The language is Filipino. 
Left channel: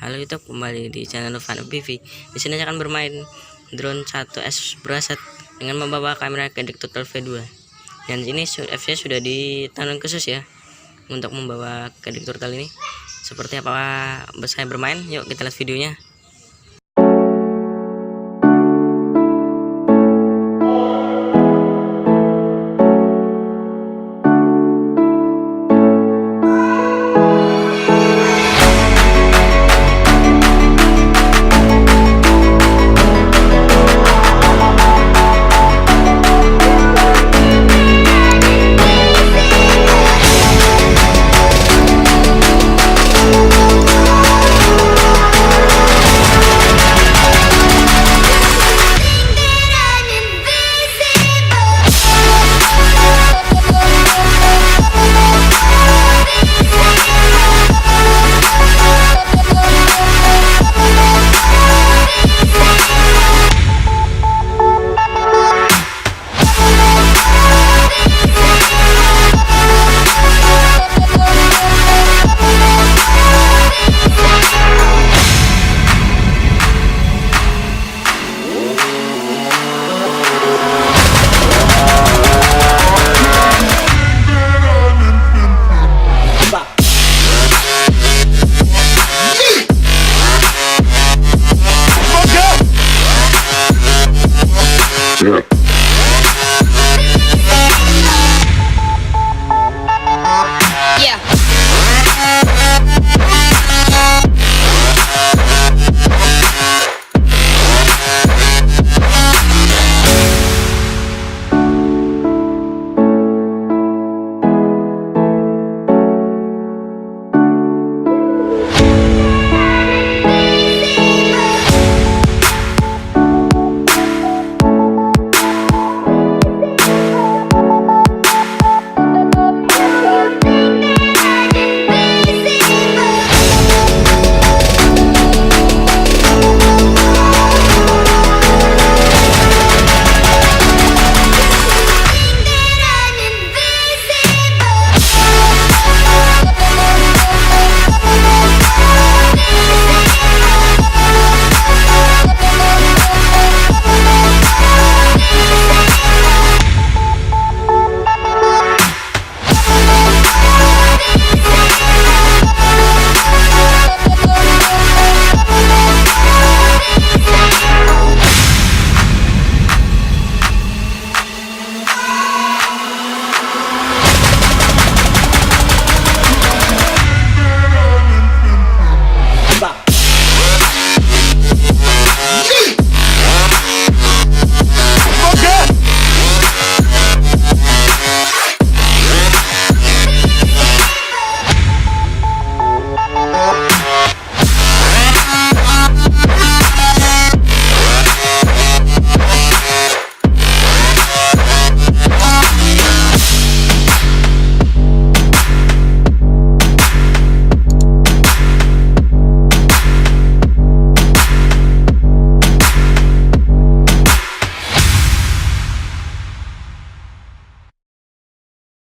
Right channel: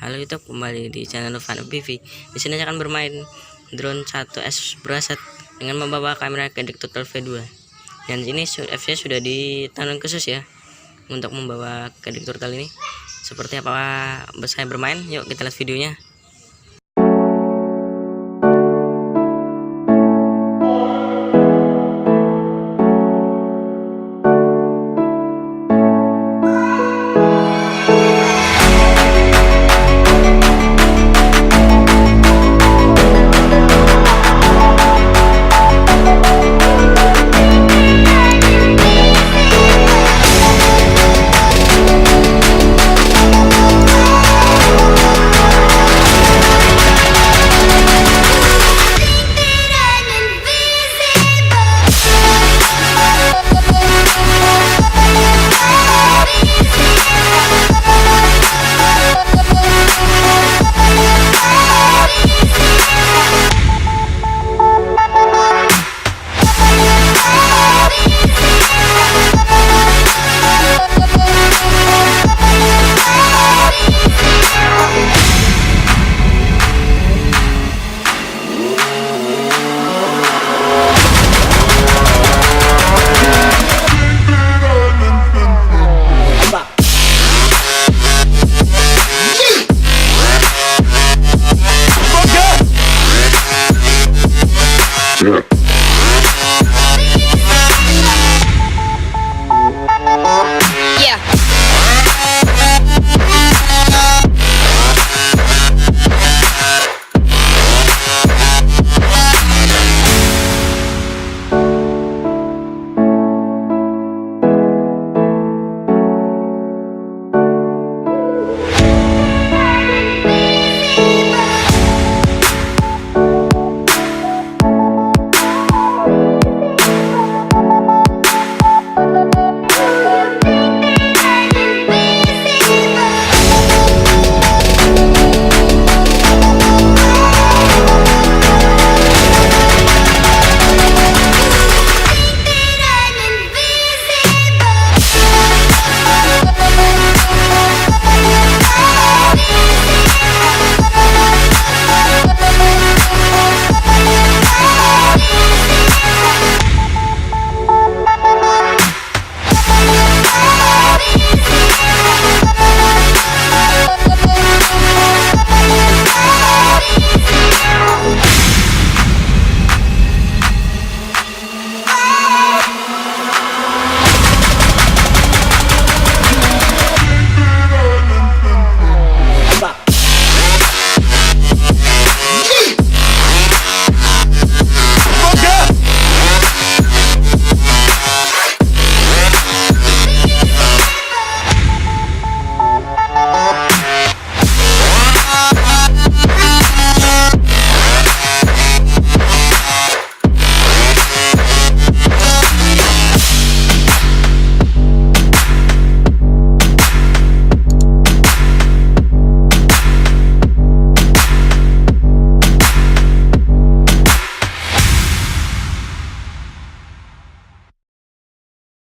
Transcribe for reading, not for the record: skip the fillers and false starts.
Halo YouTube, kembali di channel Luthfan FPV. Di sini saya akan bermain drone 1S braset dengan membawa kamera CADDX Turtle V2. Dan ini FC sudah ditanam khusus ya untuk membawa CADDX Turtle ini. Seperti apa saya bermain? Yuk kita lihat videonya.